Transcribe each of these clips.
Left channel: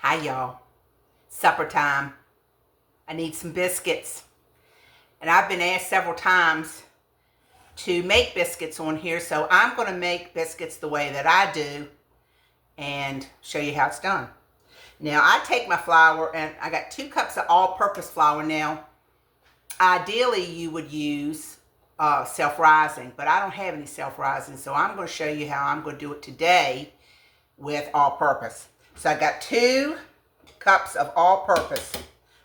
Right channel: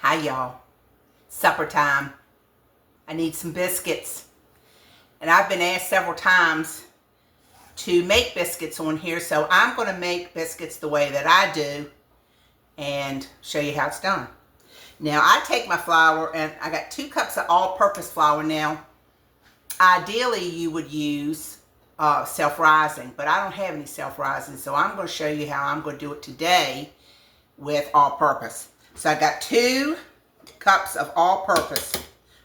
Hi, y'all. Supper time. I need some biscuits. And I've been asked several times to make biscuits on here, so I'm going to make biscuits the way that I do and show you how it's done. Now, I take my flour, and I got 2 cups of all-purpose flour. Now, ideally, you would use self-rising, but I don't have any self-rising, so I'm going to show you how I'm going to do it today with all-purpose. So I got 2 cups of all-purpose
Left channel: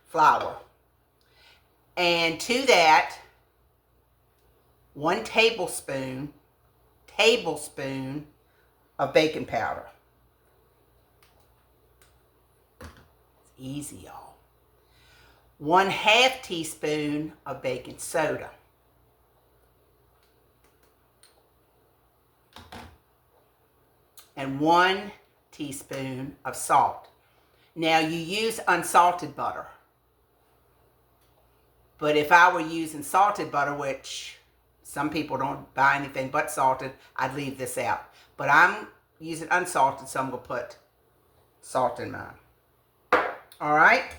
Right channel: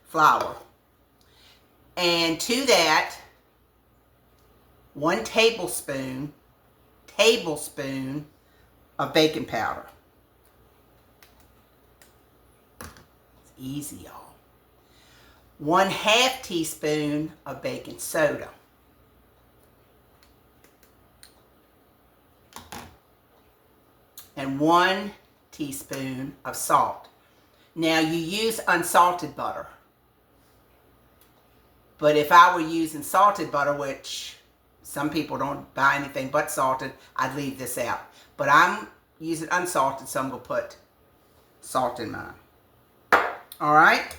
flour, and to that 1 tablespoon of baking powder. It's easy, y'all. 1/2 teaspoon of baking soda. And 1 teaspoon of salt. Now, you use unsalted butter. But if I were using salted butter, which some people don't buy anything but salted, I'd leave this out. But I'm using unsalted, so I'm going to put salt in mine. All right?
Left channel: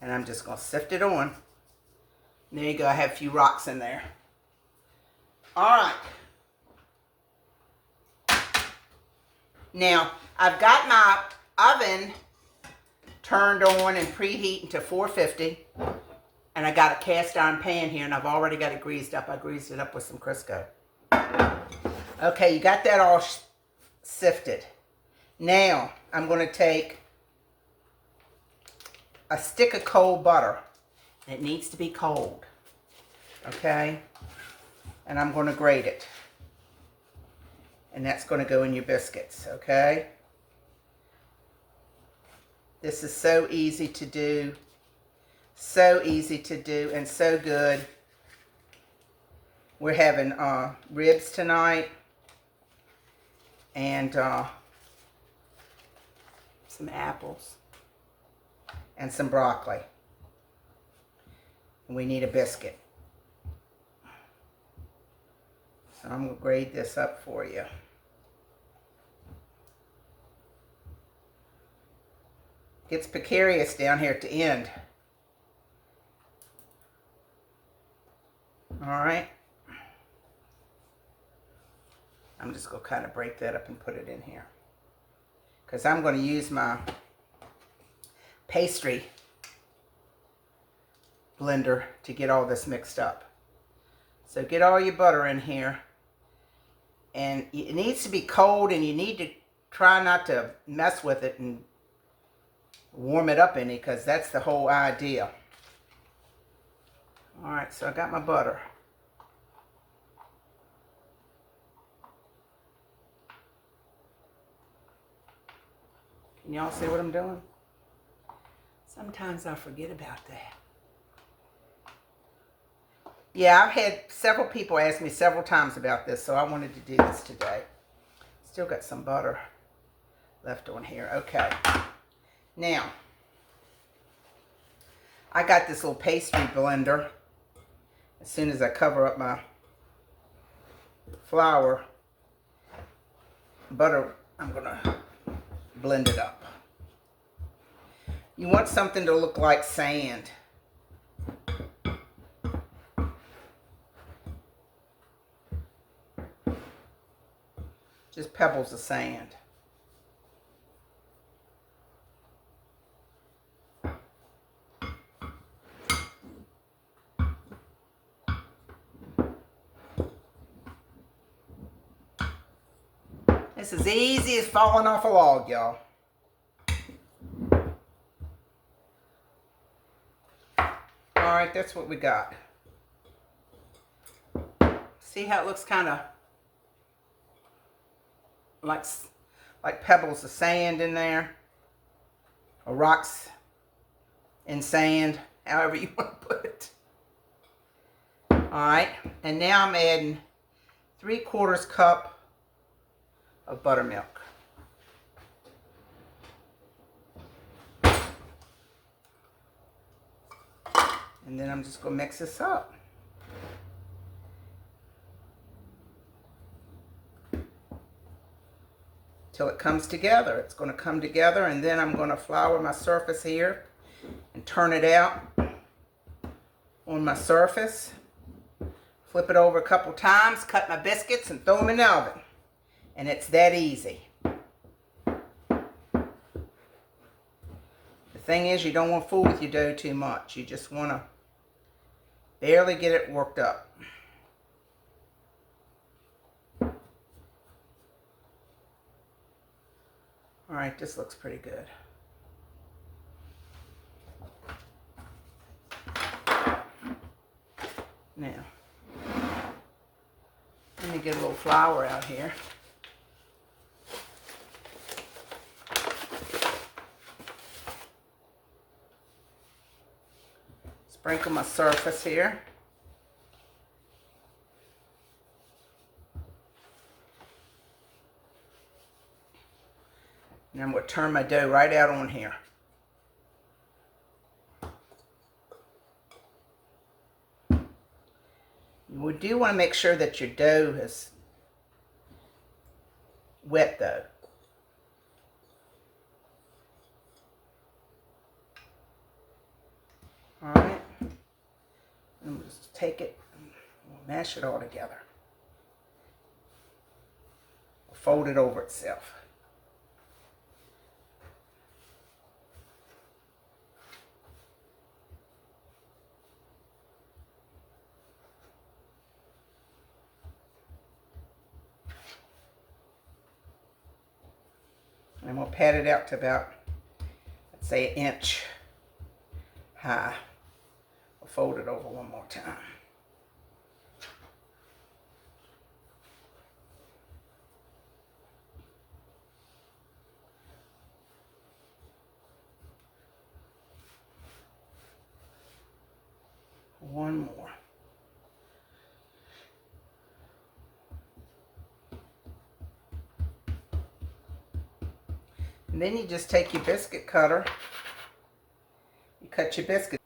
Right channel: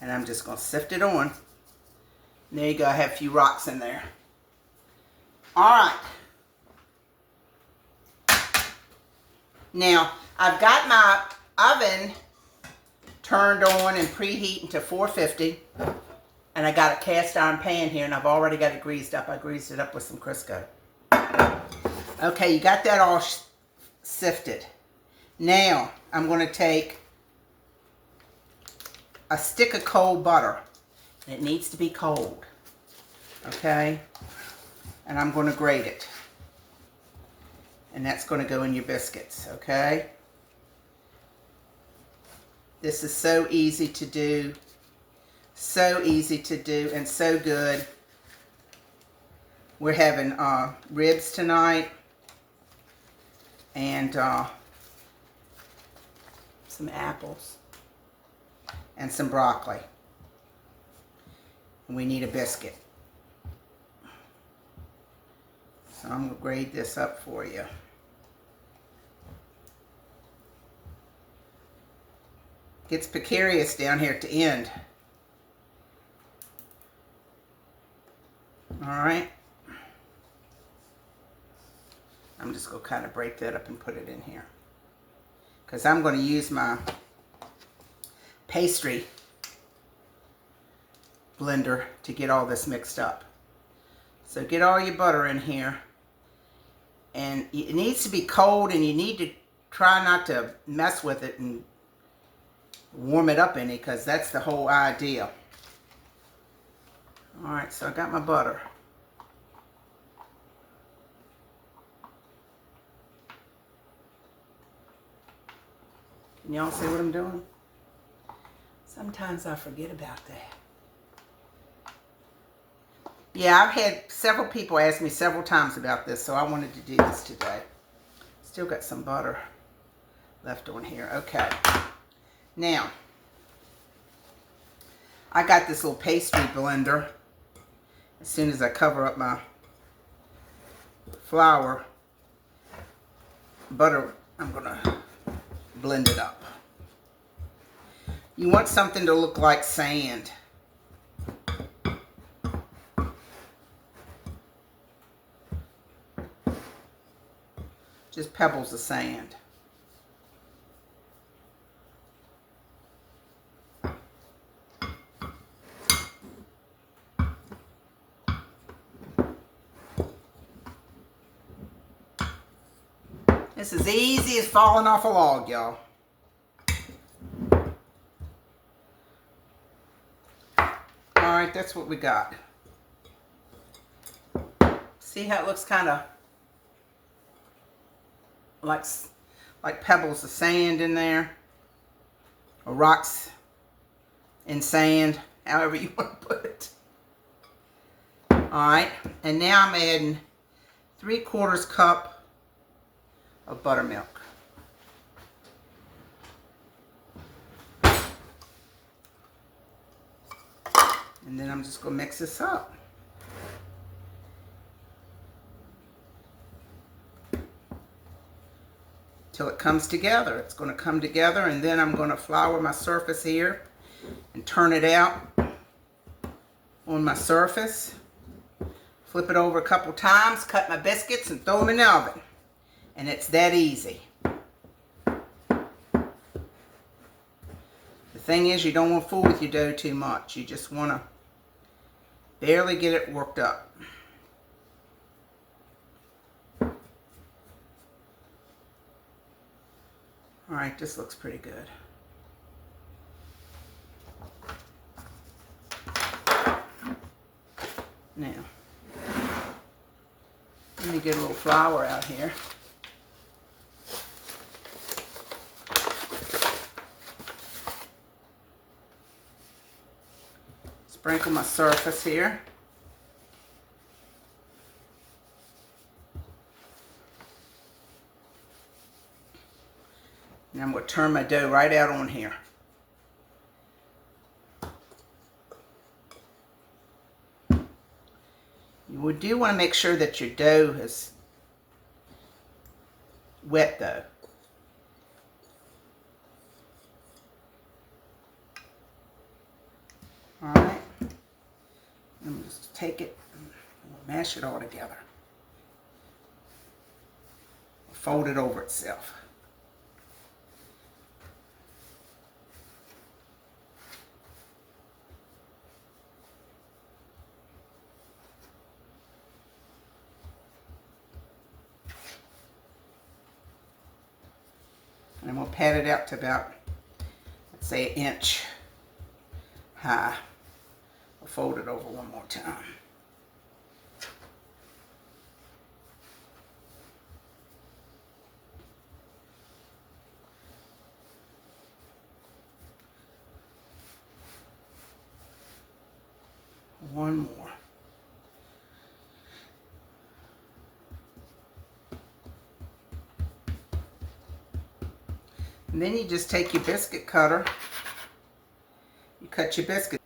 And I'm just going to sift it on. And there you go. I have a few rocks in there. All right. Now, I've got my oven turned on and preheating to 450. And I got a cast iron pan here, and I've already got it greased up. I greased it up with some Crisco. Okay, you got that all sifted. Now, I'm going to take a stick of cold butter. And it needs to be cold. Okay? And I'm going to grate it. And that's going to go in your biscuits, okay? This is so easy to do. So easy to do and so good. We're having ribs tonight. And some apples. And some broccoli. And we need a biscuit. So I'm going to grate this up for you. Gets precarious down here at the end. All right. I'm just going to kind of break that up and put it in here. Because I'm going to use my pastry blender to get all this mixed up. So get all your butter in here. And it needs to be cold, and you need to try not to mess with it and warm it up any, because that's the whole idea. All right, so I got my butter. Can y'all see what I'm doing? Sometimes I forget about that. Yeah, I've had several people ask me several times about this, so I wanted to do this today. Still got some butter left on here. Okay. Now, I got this little pastry blender. As soon as I cover up my flour, butter, I'm going to blend it up. You want something to look like sand. Just pebbles of sand. This is easy as falling off a log, y'all. All right, that's what we got. See how it looks kind of like pebbles of sand in there, or rocks in sand, however you want to put it. All right, and now I'm adding 3/4 cup of buttermilk. And then I'm just going to mix this up. till it comes together. It's going to come together, and then I'm going to flour my surface here and turn it out on my surface. Flip it over a couple times, cut my biscuits, and throw them in the oven. And it's that easy. The thing is, you don't want to fool with your dough too much. You just want to barely get it worked up. All right, this looks pretty good. Now, let me get a little flour out here. Sprinkle my surface here. And I'm going to turn my dough right out on here. You do want to make sure that your dough is wet though. All right. I'm just take it and mash it all together. Fold it over itself. And I'm going to pat it out to about, let's say, 1 inch high. I'll fold it over one more time. One more. And then you just take your biscuit cutter, you cut your biscuit.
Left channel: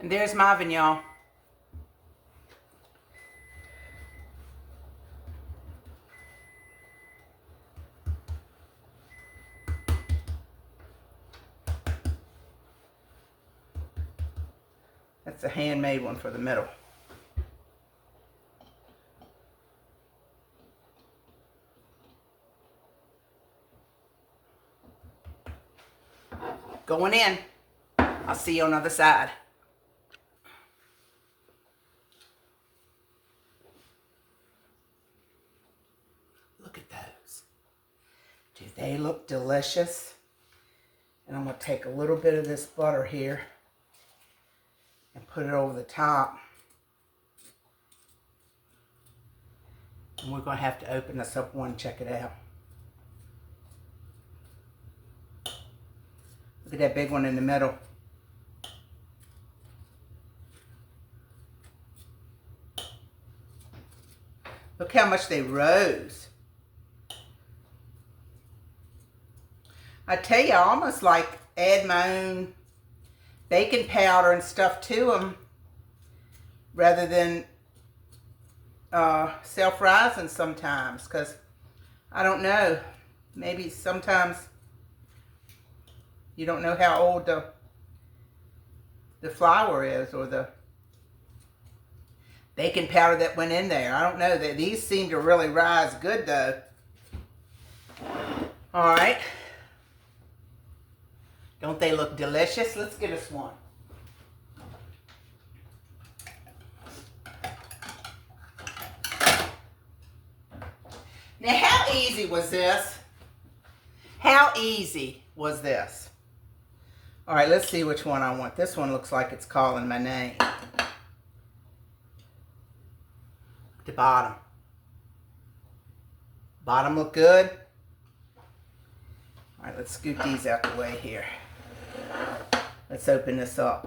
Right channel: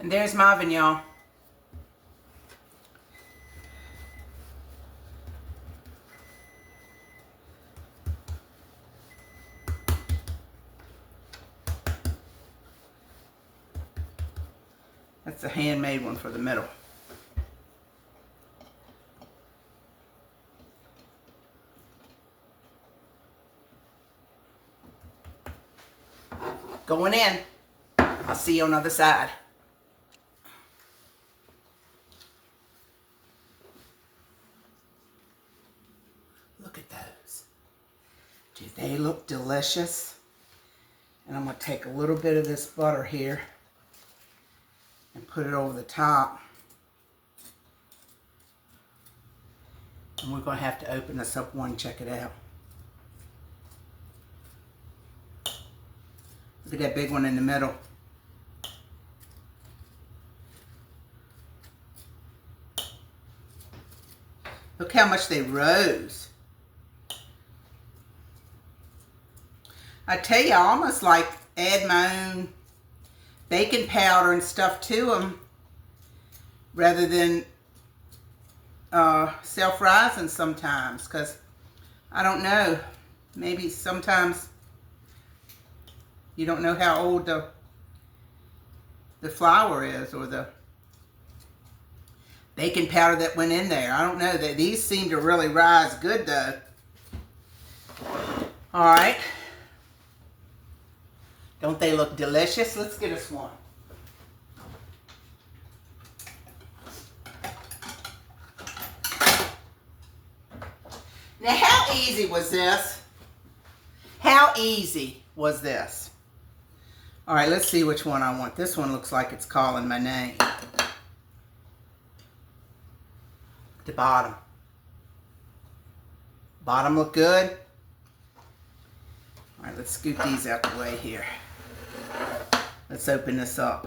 And there's my oven, y'all. That's a handmade one for the middle. Going in. I'll see you on the other side. Look at those. Do they look delicious? And I'm going to take a little bit of this butter here and put it over the top. And we're going to have to open this up one and check it out. Look at that big one in the middle. Look how much they rose. I tell you, I almost like add my own baking powder and stuff to them rather than self-rising sometimes, because I don't know, maybe sometimes you don't know how old the flour is, or the baking powder that went in there. I don't know. These seem to really rise good though. All right. Don't they look delicious? Let's get us one. Now, how easy was this? How easy was this? All right, let's see which one I want. This one looks like it's calling my name. The bottom. Bottom look good. All right, let's scoot these out the way here. Let's open this up.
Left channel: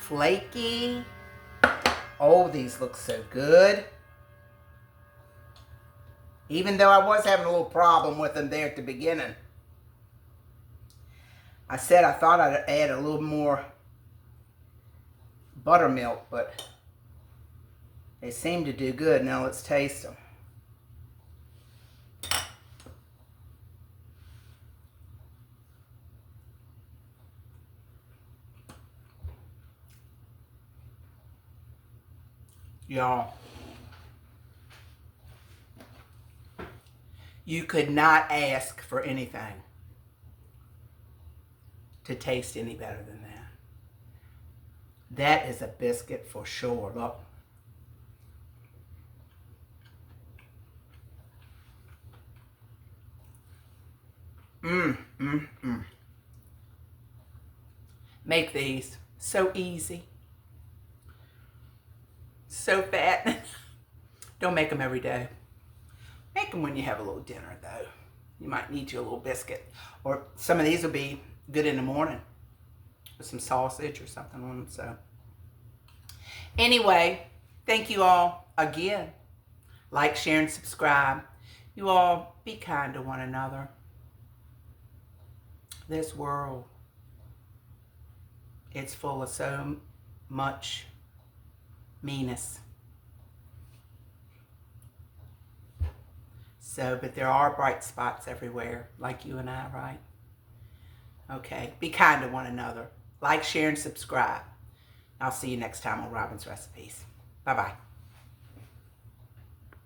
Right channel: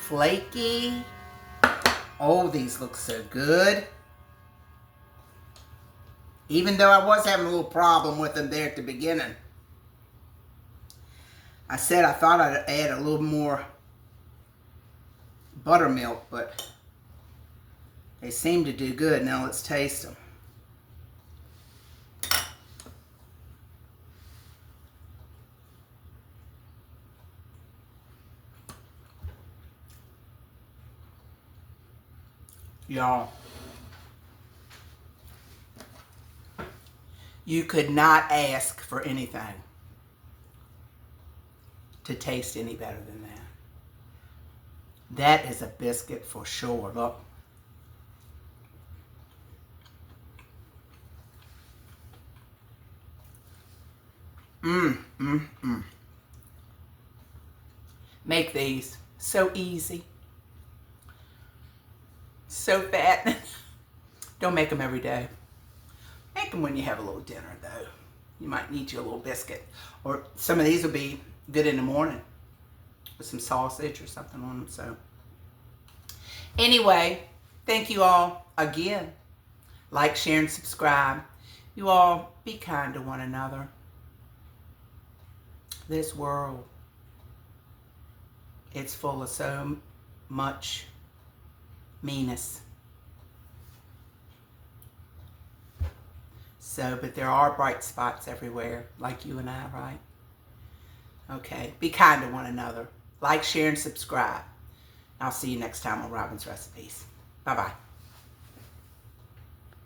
Flaky. Oh, these look so good. Even though I was having a little problem with them there at the beginning. I said I thought I'd add a little more buttermilk, but they seem to do good. Now let's taste them. Y'all, you could not ask for anything to taste any better than that. That is a biscuit for sure. Look. Make these. So easy. So fat. Don't make them every day. Make them when you have a little dinner, though. You might need you a little biscuit. Or some of these will be good in the morning with some sausage or something on them. So anyway, thank you all again. Like, share, and subscribe. You all be kind to one another. This world, it's full of so much meanness. So, but there are bright spots everywhere, like you and I, right? Okay, be kind to one another. Like, share, and subscribe. I'll see you next time on Robin's Recipes. Bye-bye.